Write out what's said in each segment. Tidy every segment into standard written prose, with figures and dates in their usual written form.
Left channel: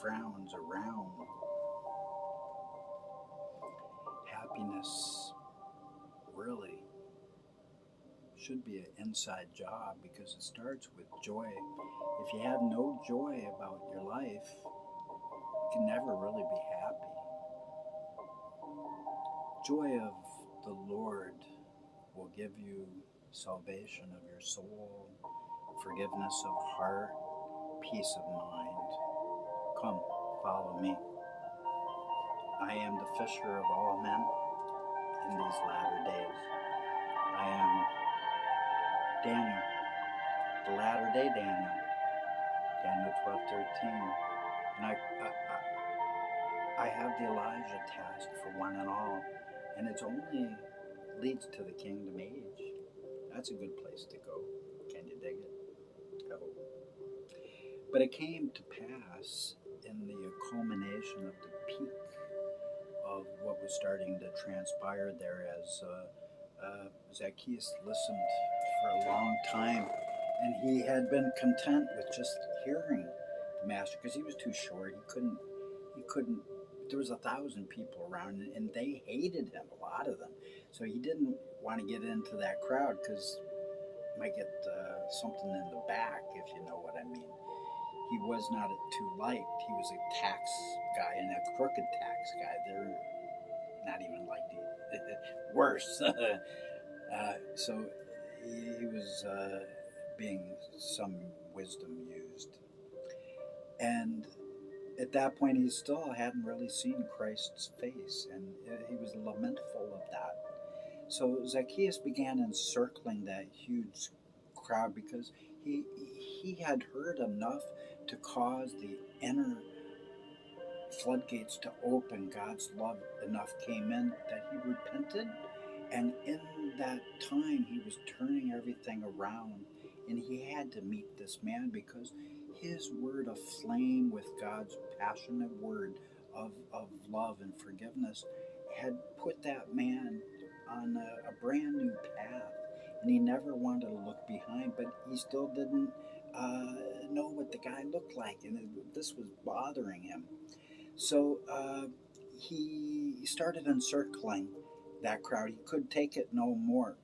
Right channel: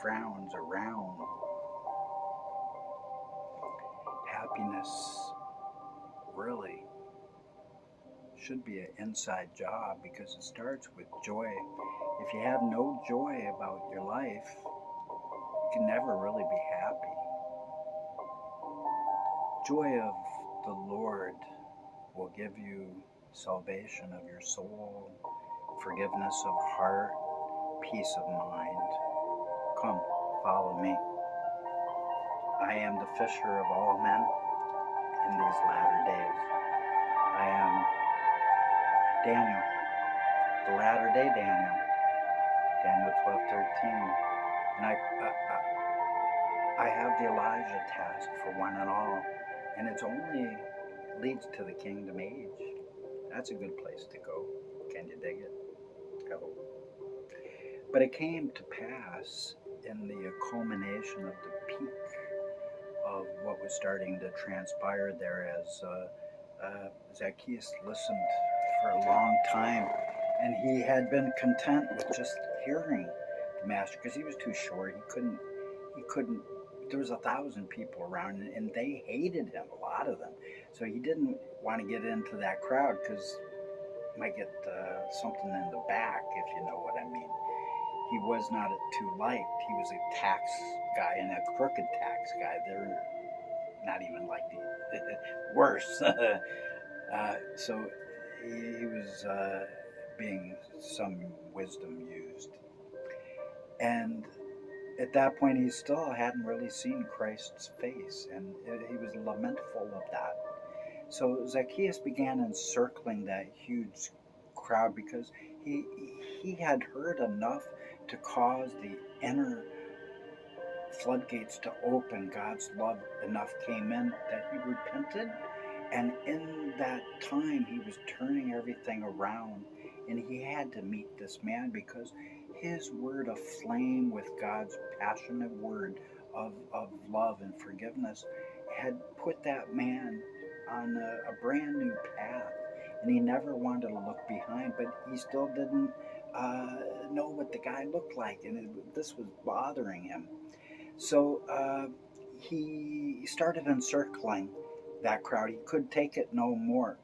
frowns around. Happiness really should be an inside job because it starts with joy. If you have no joy about your life, you can never really be happy. Joy of the Lord will give you salvation of your soul, forgiveness of heart, peace of mind. Come, follow me. I am the fisher of all men in these latter days. I am Daniel, the latter day Daniel, Daniel 12:13. And I have the Elijah task for one and all, and it's only leads to the kingdom age. That's a good place to go. Can you dig it? I hope. But it came to pass in the culmination of the peak of what was starting to transpire there as Zacchaeus listened for a long time, and he had been content with just hearing the master because he was too short. He couldn't. There was 1,000 people around, and they hated him, a lot of them. So he didn't want to get into that crowd because he might get something in the back, if you know what I mean. He was not too liked. He was a tax guy and a crooked tax guy. They're not even like the worse. So he was being some wisdom used. And at that point, he still hadn't really seen Christ's face, and he was lamentful of that. So Zacchaeus began encircling that huge crowd because he he had heard enough to cause the inner floodgates to open. God's love enough came in that he repented, and in that time he was turning everything around, and he had to meet this man because his word aflame with God's passionate word of love and forgiveness had put that man on a brand new path, and he never wanted to look behind, but he still didn't know what the guy looked like, and this was bothering him. So he started encircling that crowd. He could take it no more.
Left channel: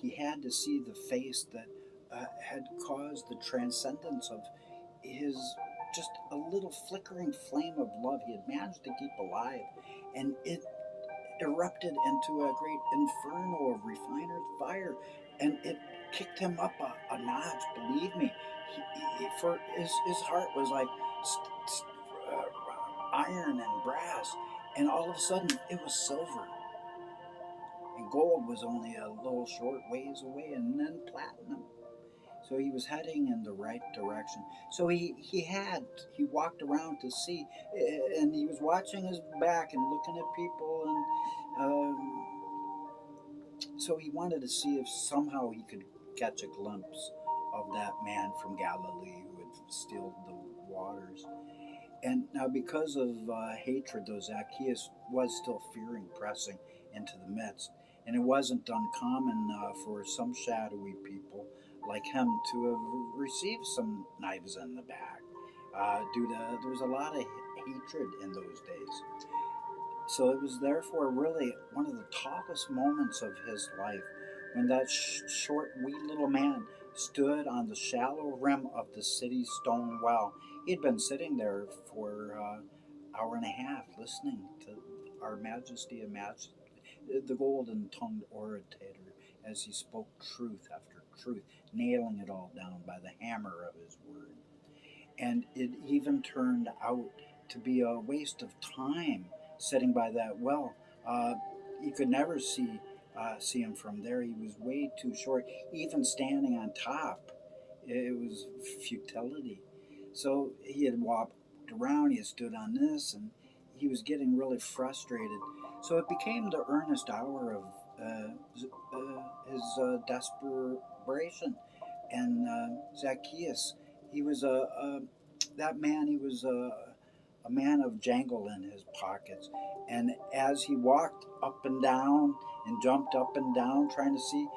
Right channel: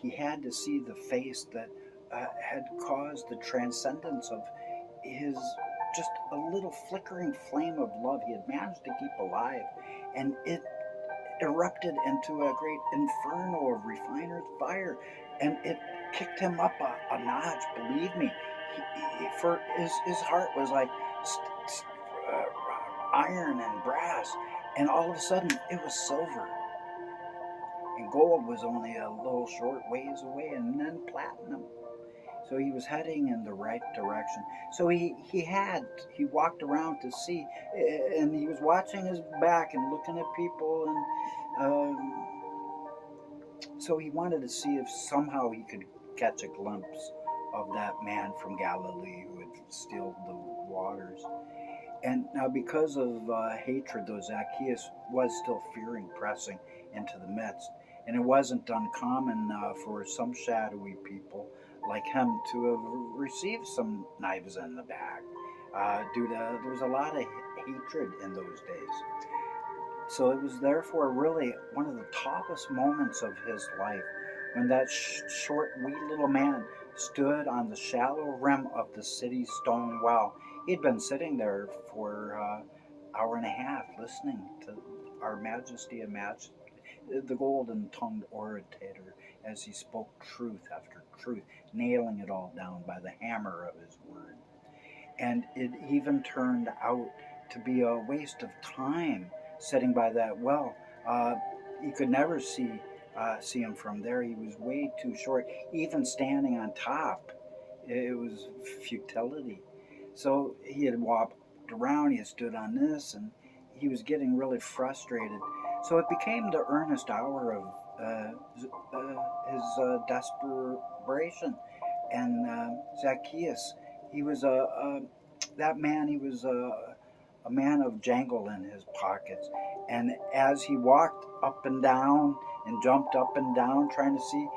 He had to see the face that had caused the transcendence of his just a little flickering flame of love he had managed to keep alive, and it erupted into a great inferno of refiner's fire, and it kicked him up a notch. Believe me, for his heart was like iron and brass, and all of a sudden it was silver, and gold was only a little short ways away, and then platinum. So he was heading in the right direction. So he walked around to see, and he was watching his back and looking at people, and so he wanted to see if somehow he could catch a glimpse of that man from Galilee who had stilled the waters. And now, because of hatred, though, Zacchaeus was still fearing pressing into the midst. And it wasn't uncommon for some shadowy people like him to have received some knives in the back. Due to there was a lot of hatred in those days. So it was therefore really one of the toughest moments of his life when that short, wee little man stood on the shallow rim of the city's stone well. He'd been sitting there for an hour and a half listening to Our Majesty and the golden tongued orator, as he spoke truth after truth, nailing it all down by the hammer of his word. And it even turned out to be a waste of time sitting by that well. You could never see him from there. He was way too short. Even standing on top, it was futility. So he had walked around. He had stood on this, and he was getting really frustrated. So it became the earnest hour of his desperation. And Zacchaeus, he was that man. He was a man of jangle in his pockets. And as he walked up and down and jumped up and down, trying to see,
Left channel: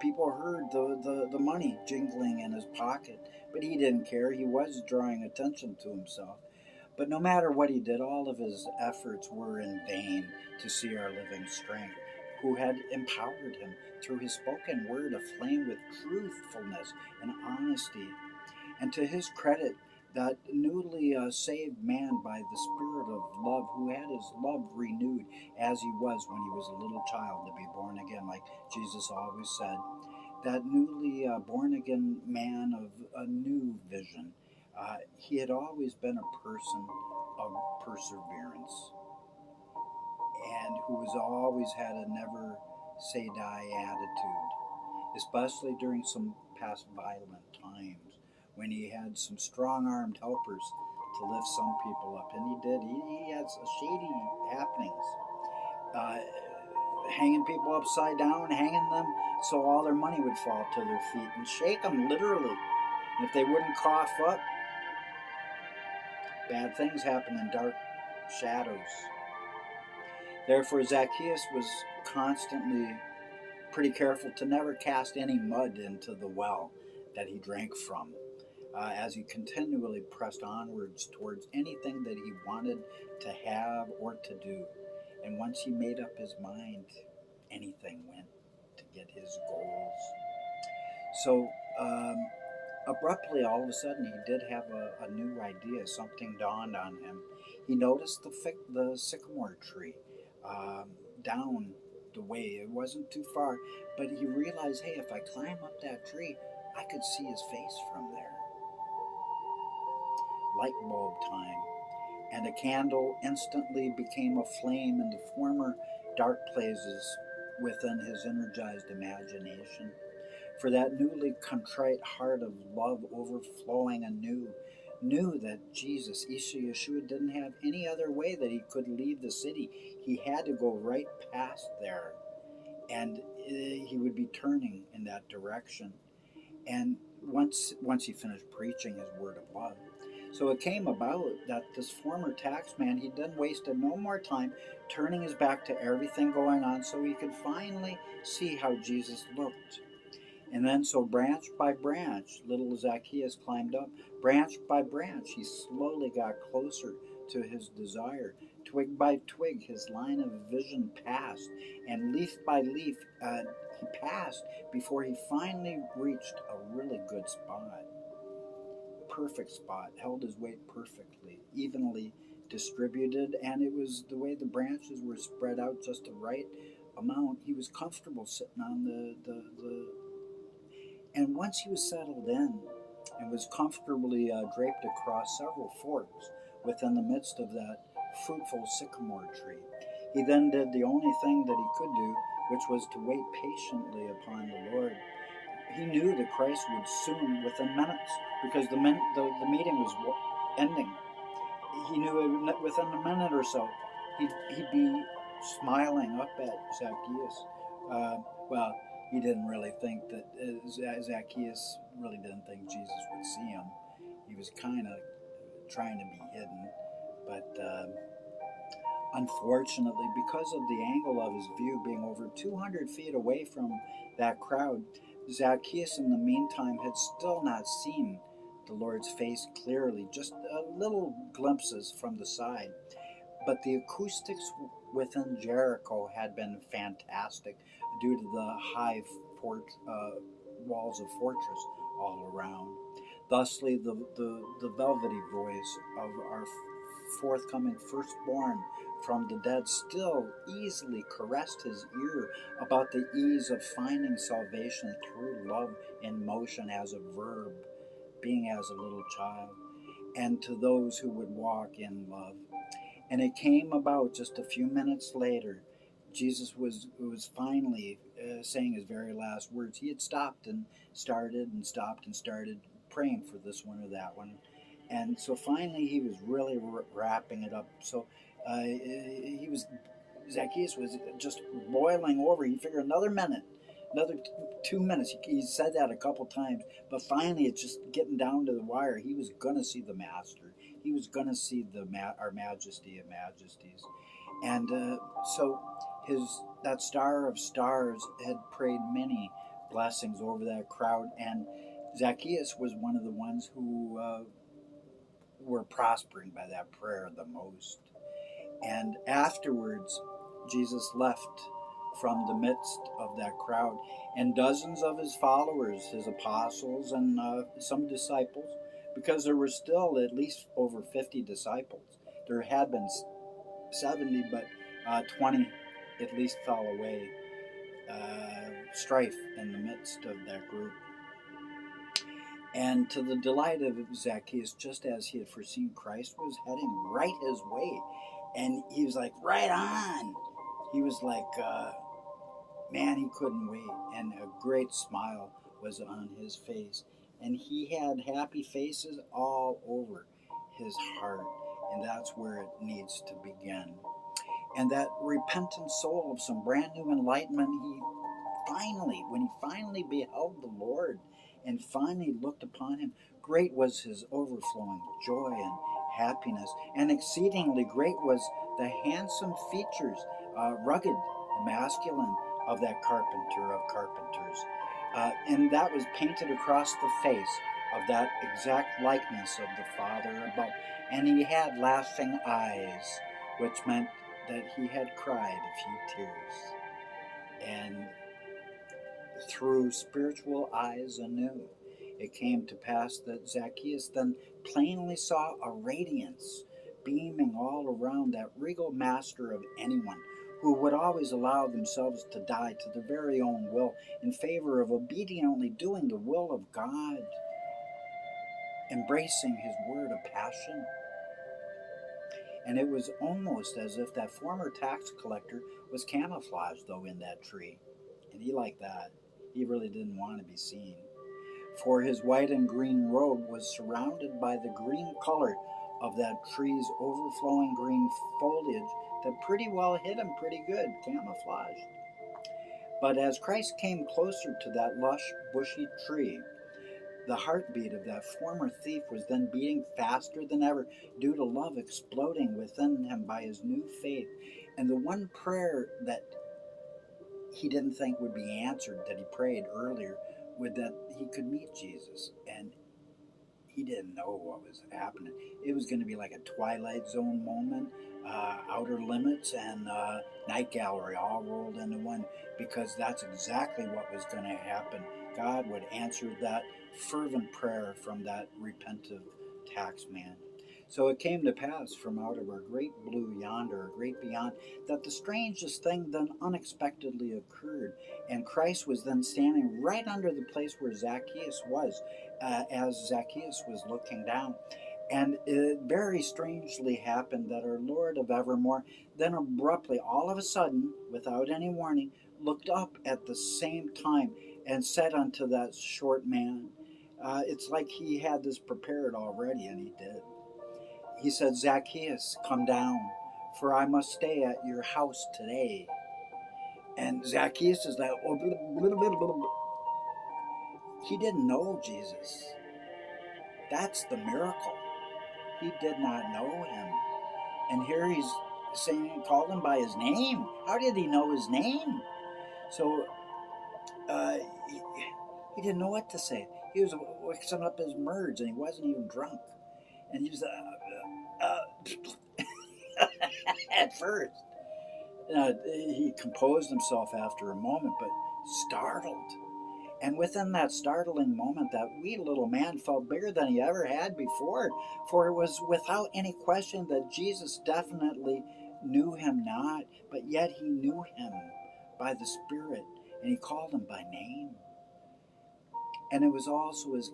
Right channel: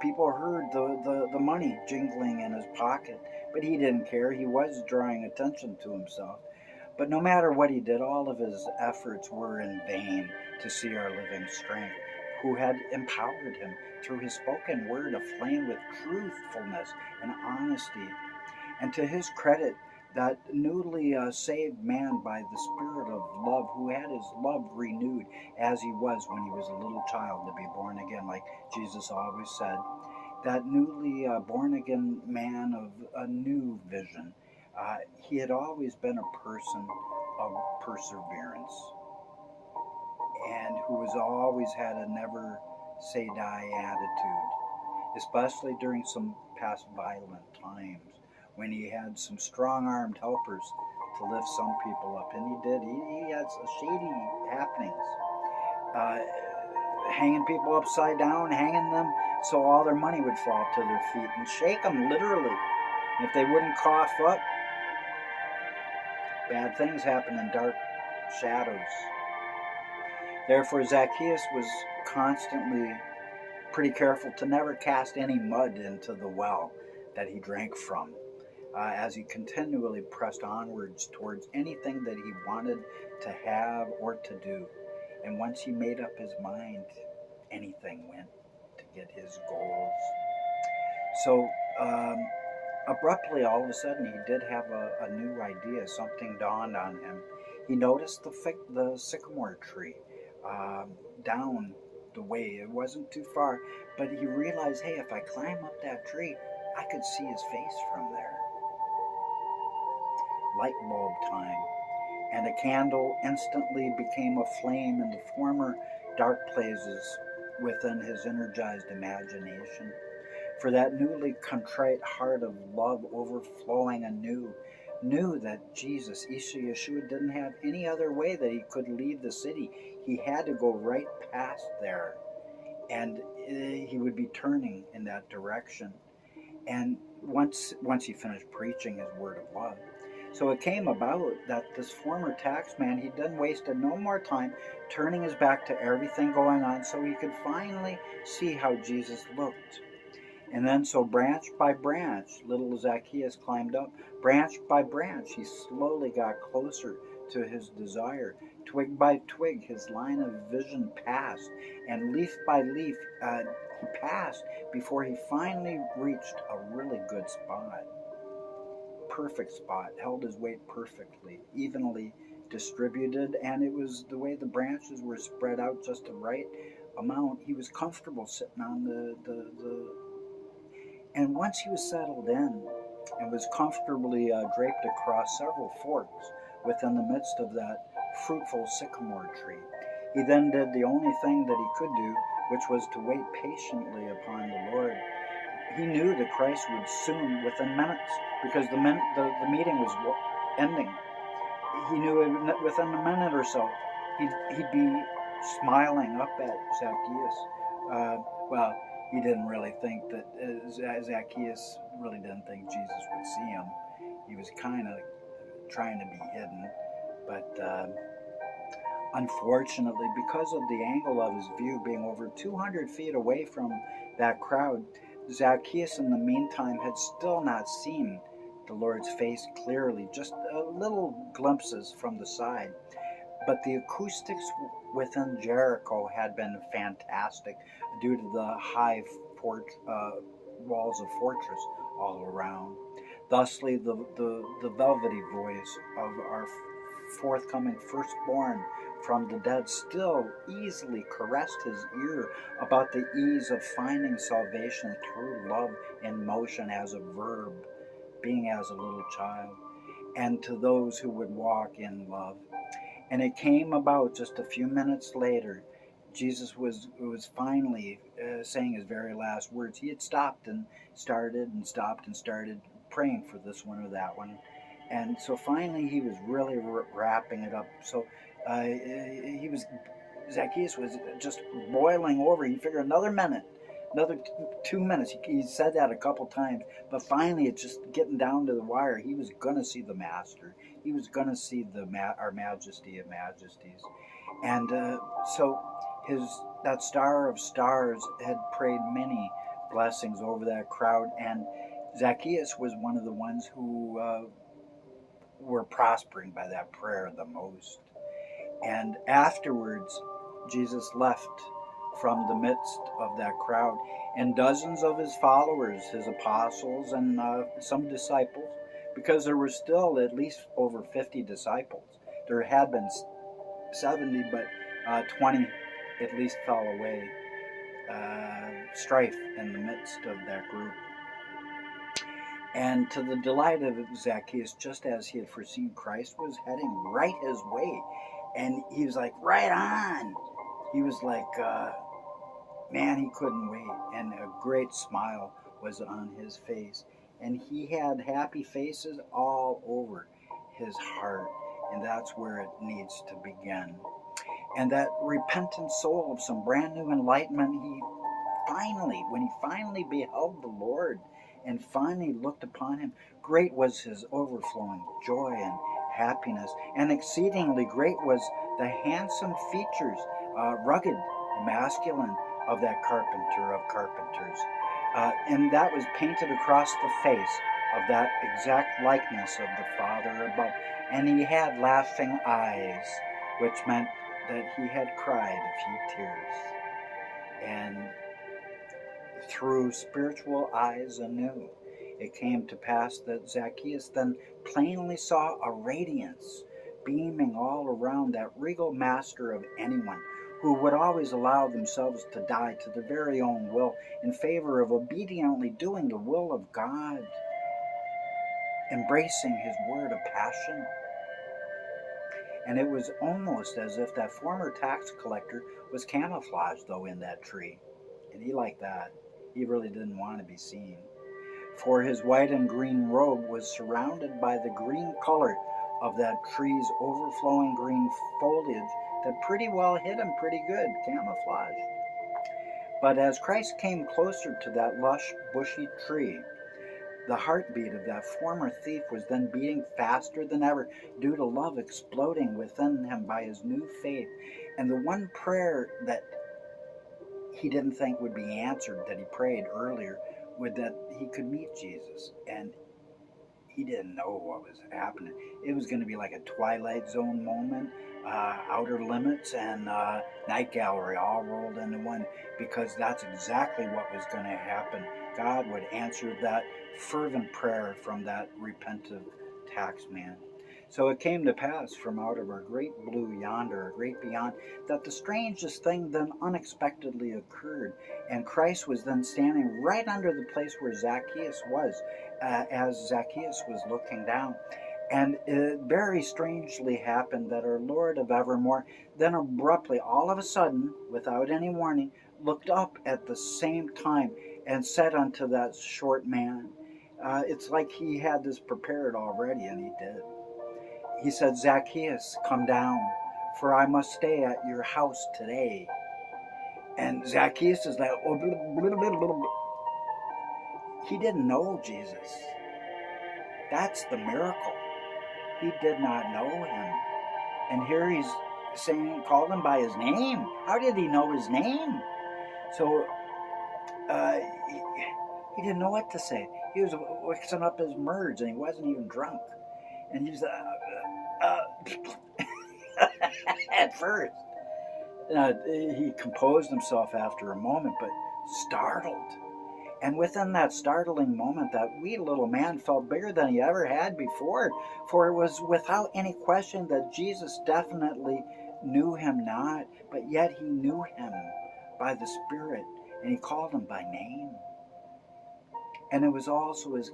people heard the money jingling in his pocket. But he didn't care. He was drawing attention to himself. But no matter what he did, all of his efforts were in vain to see our living strength, who had empowered him through his spoken word aflame with truthfulness and honesty. And to his credit, that newly saved man by the Spirit of love, who had his love renewed as he was when he was a little child to be born again, like Jesus always said, that newly born again man of a new vision. He had always been a person of perseverance and who has always had a never say die attitude, especially during some past violent times when he had some strong armed helpers to lift some people up. And he did. He had some shady happenings. Uh, Hanging people upside down, hanging them so all their money would fall to their feet and shake them literally. And if they wouldn't cough up, bad things happen in dark shadows. Therefore, Zacchaeus was constantly pretty careful to never cast any mud into the well that he drank from, as he continually pressed onwards towards anything that he wanted to have or to do. And once he made up his mind, anything went to get his goals. So, abruptly, all of a sudden, he did have a new idea. Something dawned on him. He noticed the sycamore tree down the way. It wasn't too far, but he realized, hey, if I climb up that tree, I could see his face from there. Light bulb time. And a candle instantly became a flame in the former dark places within his energized imagination. For that newly contrite heart of love overflowing anew knew that Jesus, Yeshua, didn't have any other way that he could leave the city. He had to go right past there, and he would be turning in that direction. And once he finished preaching his word of love, so it came about that this former taxman, he didn't waste no more time turning his back to everything going on so he could finally see how Jesus looked. And then, so branch by branch, little Zacchaeus climbed up. Branch by branch, he slowly got closer to his desire. Twig by twig, his line of vision passed. And leaf by leaf, he passed before he finally reached a really good spot. Perfect spot, held his weight perfectly, evenly distributed, and it was the way the branches were spread out just the right amount. He was comfortable sitting on the and once he was settled in and was comfortably draped across several forks within the midst of that fruitful sycamore tree, he then did the only thing that he could do, which was to wait patiently upon the Lord. He knew that Christ would soon, within minutes, because the meeting was ending. He knew within a minute or so, he'd be smiling up at Zacchaeus. Well, he didn't really think that Zacchaeus really didn't think Jesus would see him. He was kind of trying to be hidden, but unfortunately, because of the angle of his view being over 200 feet away from that crowd, Zacchaeus in the meantime had still not seen the Lord's face clearly, just little glimpses from the side. But the acoustics within Jericho had been fantastic due to the high walls of fortress all around. Thusly, the velvety voice of our forthcoming firstborn from the dead still easily caressed his ear about the ease of finding salvation through love in motion as a verb, being as a little child, and to those who would walk in love. And it came about just a few minutes later. Jesus was finally saying his very last words. He had stopped and started praying for this one or that one. And so finally he was really wrapping it up. So Zacchaeus was just boiling over. He figured another minute, another 2 minutes. He said that a couple times, but finally it's just getting down to the wire. He was going to see the Master. He was going to see our Majesty of Majesties. And so that Star of Stars had prayed many blessings over that crowd, and Zacchaeus was one of the ones who were prospering by that prayer the most. And afterwards, Jesus left from the midst of that crowd, and dozens of his followers, his apostles, and some disciples, because there were still at least over 50 disciples. There had been 70, but 20 at least fell away. Strife in the midst of that group. And to the delight of Zacchaeus, just as he had foreseen, Christ was heading right his way. And he was like, right on. He was like, man, he couldn't wait. And a great smile was on his face. And he had happy faces all over his heart. And that's where it needs to begin. And that repentant soul of some brand new enlightenment, when he finally beheld the Lord and finally looked upon him, great was his overflowing joy and happiness, and exceedingly great was the handsome features, rugged, masculine, of that carpenter of carpenters. And that was painted across the face of that exact likeness of the Father above. And he had laughing eyes, which meant that he had cried a few tears. And through spiritual eyes anew, it came to pass that Zacchaeus then plainly saw a radiance beaming all around that regal master of anyone who would always allow themselves to die to their very own will in favor of obediently doing the will of God, embracing his word of passion. And it was almost as if that former tax collector was camouflaged, though, in that tree. And he liked that. He really didn't want to be seen. For his white and green robe was surrounded by the green color of that tree's overflowing green foliage that pretty well hid him pretty good, camouflaged. But as Christ came closer to that lush, bushy tree, the heartbeat of that former thief was then beating faster than ever, due to love exploding within him by his new faith. And the one prayer that he didn't think would be answered, that he prayed earlier, would that he could meet Jesus. And he didn't know what was happening. It was going to be like a Twilight Zone moment, Outer Limits and Night Gallery all rolled into one, because that's exactly what was going to happen. God would answer that fervent prayer from that repentant tax man. So it came to pass from out of our great blue yonder, a great beyond, that the strangest thing then unexpectedly occurred. And Christ was then standing right under the place where Zacchaeus was, as Zacchaeus was looking down. And it very strangely happened that our Lord of evermore then abruptly, all of a sudden, without any warning, looked up at the same time and said unto that short man, it's like he had this prepared already, and he did. He said, Zacchaeus, come down, for I must stay at your house today. And Zacchaeus is like, oh, blah, blah, blah, blah. He didn't know Jesus. That's the miracle. He did not know him. And here he's saying, called him by his name. How did he know his name? So he didn't know what to say. He was mixing up his words, and he wasn't even drunk. And he was at first. He composed himself after a moment, but startled. And within that startling moment, that wee little man felt bigger than he ever had before, for it was without any question that Jesus definitely knew him not, but yet he knew him by the Spirit, and he called him by name. And it was also as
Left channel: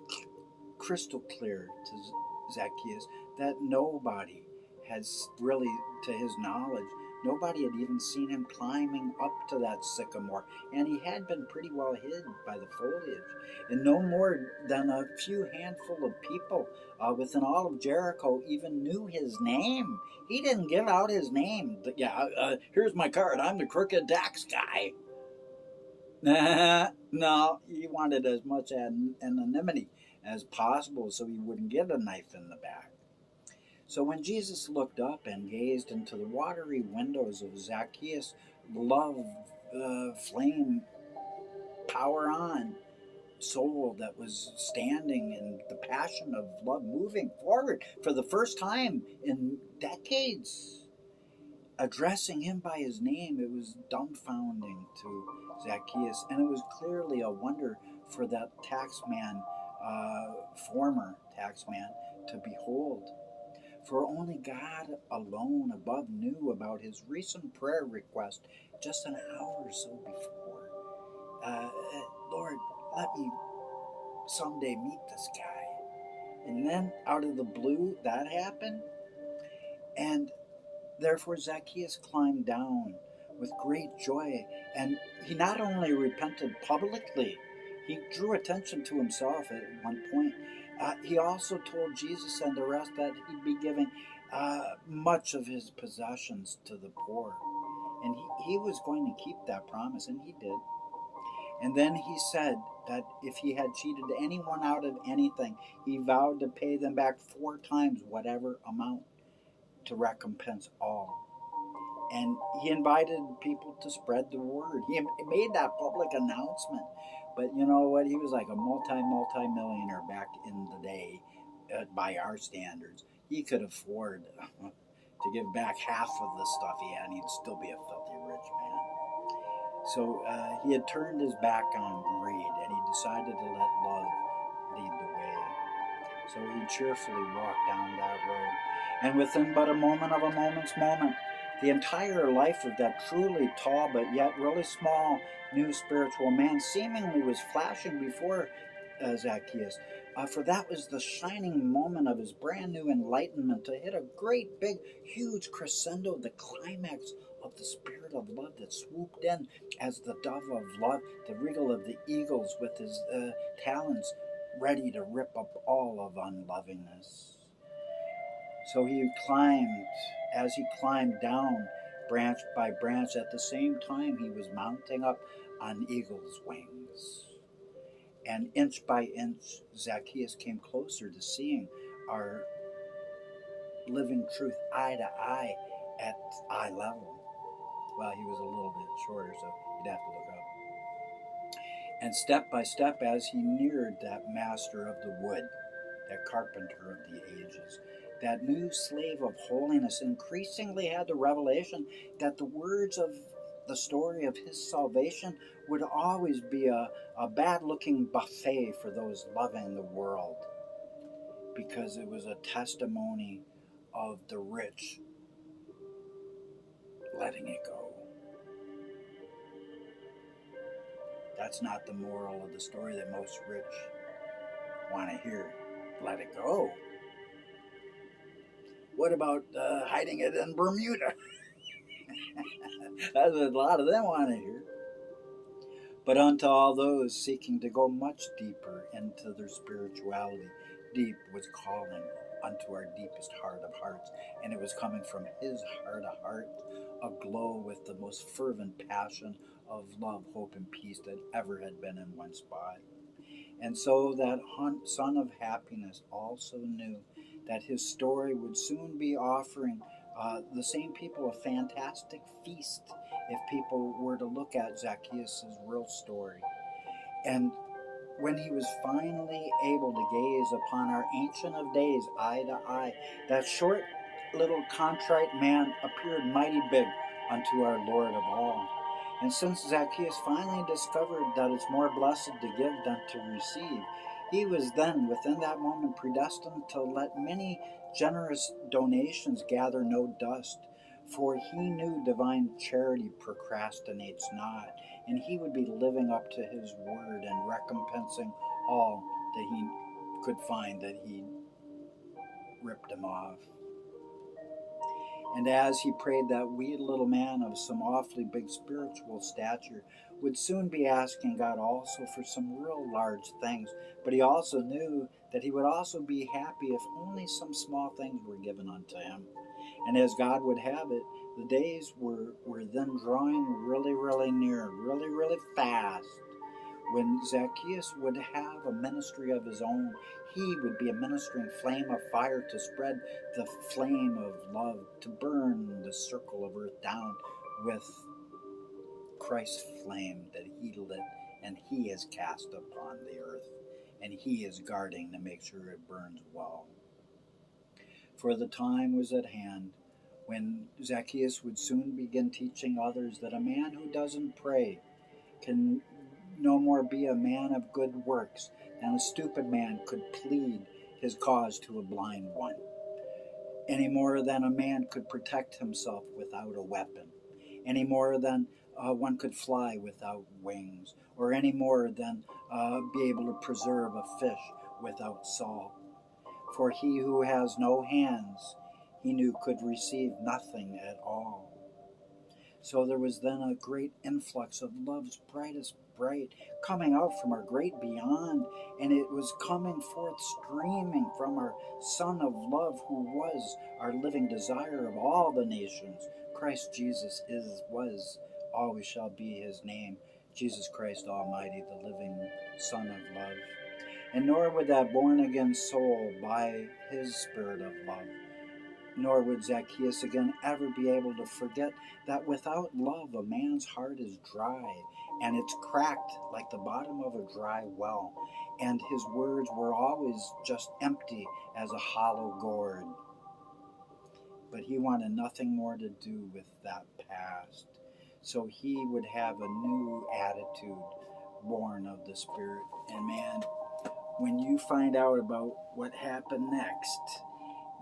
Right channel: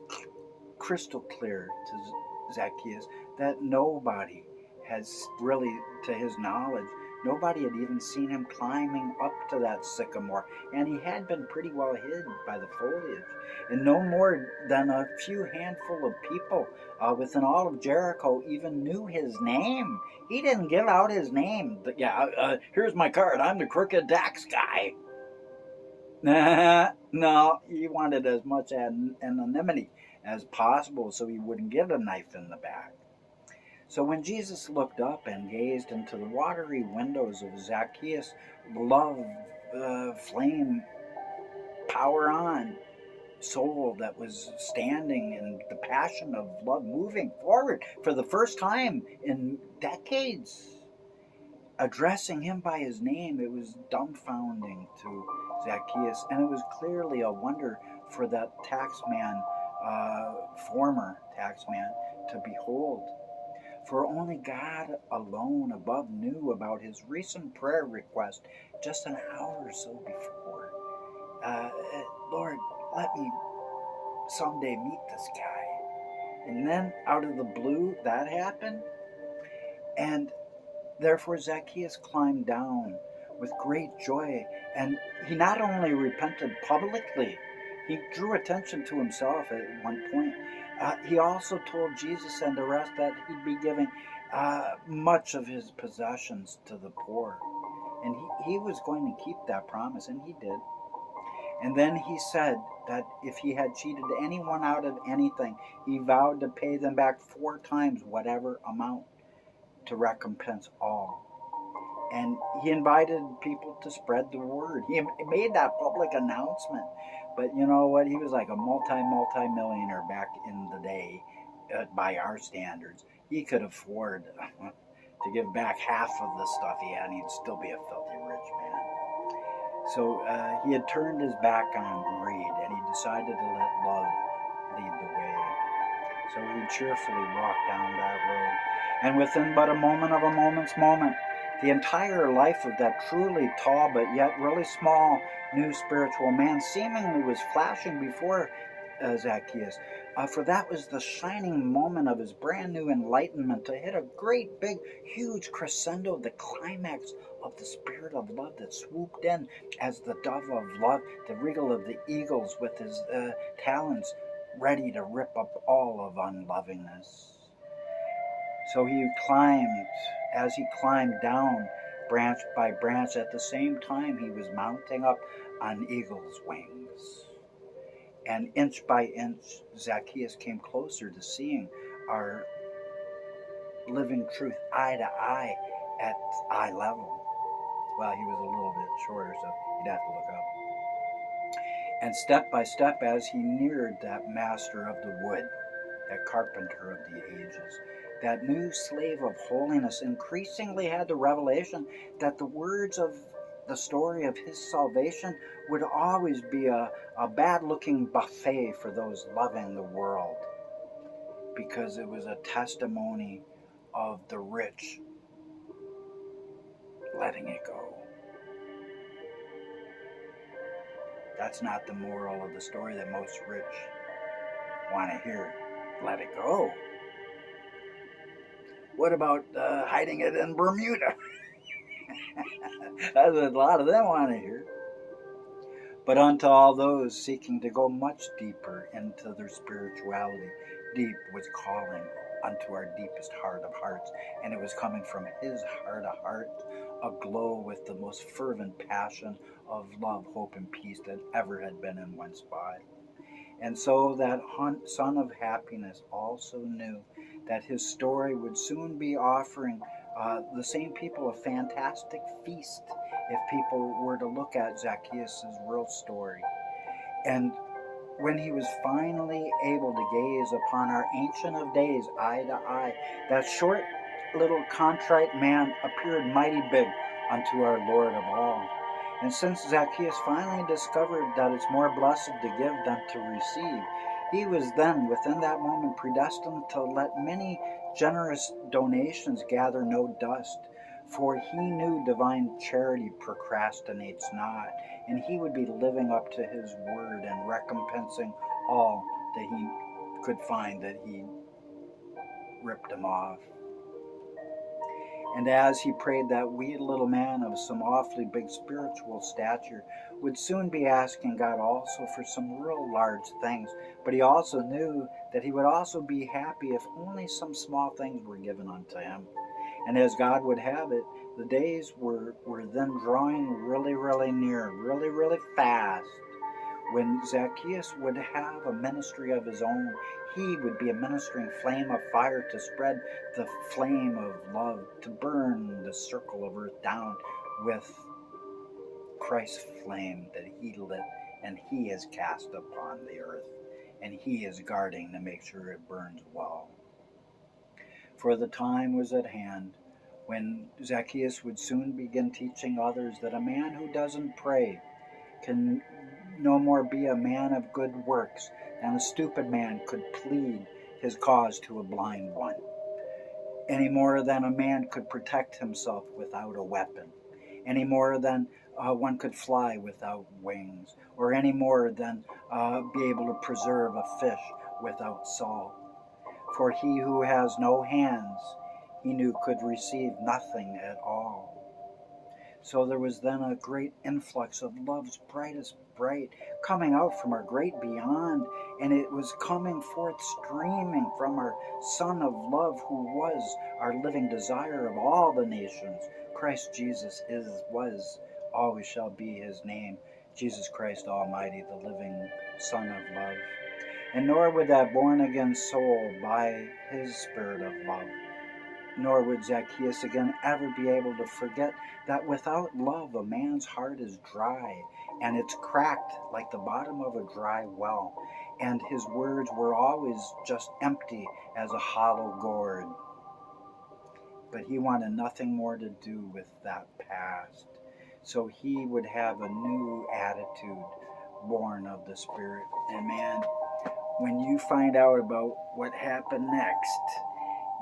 crystal clear to Zacchaeus that nobody has really, to his knowledge, nobody had even seen him climbing up to that sycamore, and he had been pretty well hid by the foliage. And no more than a few handful of people within all of Jericho even knew his name. He didn't give out his name. Here's my card. I'm the crooked tax guy. No, he wanted as much anonymity as possible so he wouldn't get a knife in the back. So when Jesus looked up and gazed into the watery windows of Zacchaeus' love flame power on, soul that was standing in the passion of love, moving forward for the first time in decades, addressing him by his name. It was dumbfounding to Zacchaeus, and it was clearly a wonder for that taxman, former taxman, to behold. For only God alone above knew about his recent prayer request just an hour or so before. Uh, Lord, let me someday meet this guy. And then out of the blue, that happened. And therefore, Zacchaeus climbed down with great joy. And he not only repented publicly, he drew attention to himself at one point. He also told Jesus and the rest that he'd be giving much of his possessions to the poor. And he was going to keep that promise, and he did. And then he said that if he had cheated anyone out of anything, he vowed to pay them back 4 times whatever amount to recompense all. And he invited people to spread the word. He made that public announcement. But you know what? He was like a multi-millionaire back in the day, by our standards. He could afford to give back half of the stuff he had, and he'd still be a filthy rich man. So he had turned his back on greed, and he decided to let love lead the way. So he cheerfully walked down that road. And within but a moment of a moment's moment, the entire life of that truly tall but yet really small new spiritual man seemingly was flashing before Zacchaeus. For that was the shining moment of his brand new enlightenment to hit a great, big, huge crescendo, the climax of the spirit of love that swooped in as the dove of love, the wriggle of the eagles with his talons, ready to rip up all of unlovingness. So he climbed, as he climbed down branch by branch, at the same time he was mounting up on eagle's wings. And inch by inch, Zacchaeus came closer to seeing our living truth eye to eye at eye level. Well, he was a little bit shorter, so you'd have to look up. And step by step, as he neared that master of the wood, that carpenter of the ages, that new slave of holiness, increasingly had the revelation that the words of the story of his salvation would always be a bad-looking buffet for those loving the world, because it was a testimony of the rich letting it go. That's not the moral of the story that most rich want to hear. Let it go. What about hiding it in Bermuda? That's what a lot of them want to hear. But unto all those seeking to go much deeper into their spirituality, deep was calling unto our deepest heart of hearts, and it was coming from his heart of hearts, aglow with the most fervent passion of love, hope, and peace that ever had been in one spot. And so that Son of Happiness also knew that his story would soon be offering the same people a fantastic feast if people were to look at Zacchaeus' real story. And when he was finally able to gaze upon our Ancient of Days eye to eye, that short little contrite man appeared mighty big unto our Lord of all. And since Zacchaeus finally discovered that it's more blessed to give than to receive, he was then, within that moment, predestined to let many generous donations gather no dust, for he knew divine charity procrastinates not, and he would be living up to his word and recompensing all that he could find that he ripped him off. And as he prayed, that wee little man of some awfully big spiritual stature would soon be asking God also for some real large things. But he also knew that he would also be happy if only some small things were given unto him. And as God would have it, the days were then drawing really, really near, really, really fast, when Zacchaeus would have a ministry of his own. He would be a ministering flame of fire to spread the flame of love, to burn the circle of earth down with Christ's flame that he lit and he is cast upon the earth, and he is guarding to make sure it burns well. For the time was at hand when Zacchaeus would soon begin teaching others that a man who doesn't pray can no more be a man of good works than a stupid man could plead his cause to a blind one, any more than a man could protect himself without a weapon, any more than one could fly without wings, or any more than be able to preserve a fish without salt. For he who has no hands, he knew could receive nothing at all. So there was then a great influx of love's brightest bright coming out from our great beyond, and it was coming forth streaming from our Son of love, who was our living desire of all the nations. Christ Jesus was, always shall be his name, Jesus Christ Almighty, the living Son of love. And nor would that born again soul by his spirit of love, nor would Zacchaeus again ever be able to forget that without love a man's heart is dry, and it's cracked like the bottom of a dry well, and his words were always just empty as a hollow gourd. But he wanted nothing more to do with that past, so he would have a new attitude born of the Spirit. And man, when you find out about what happened next,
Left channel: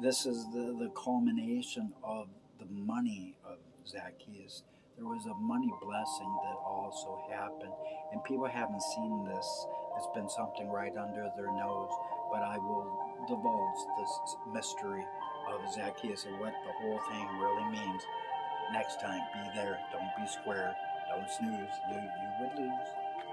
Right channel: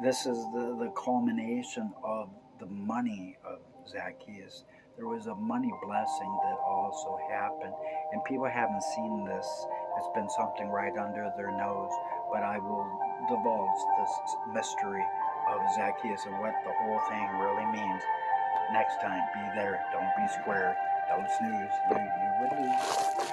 this is the culmination of the money of Zacchaeus. There was a money blessing that also happened, and people haven't seen this. It's been something right under their nose, but I will divulge this mystery of Zacchaeus and what the whole thing really means next time. Be there, don't be square, don't snooze, you would lose.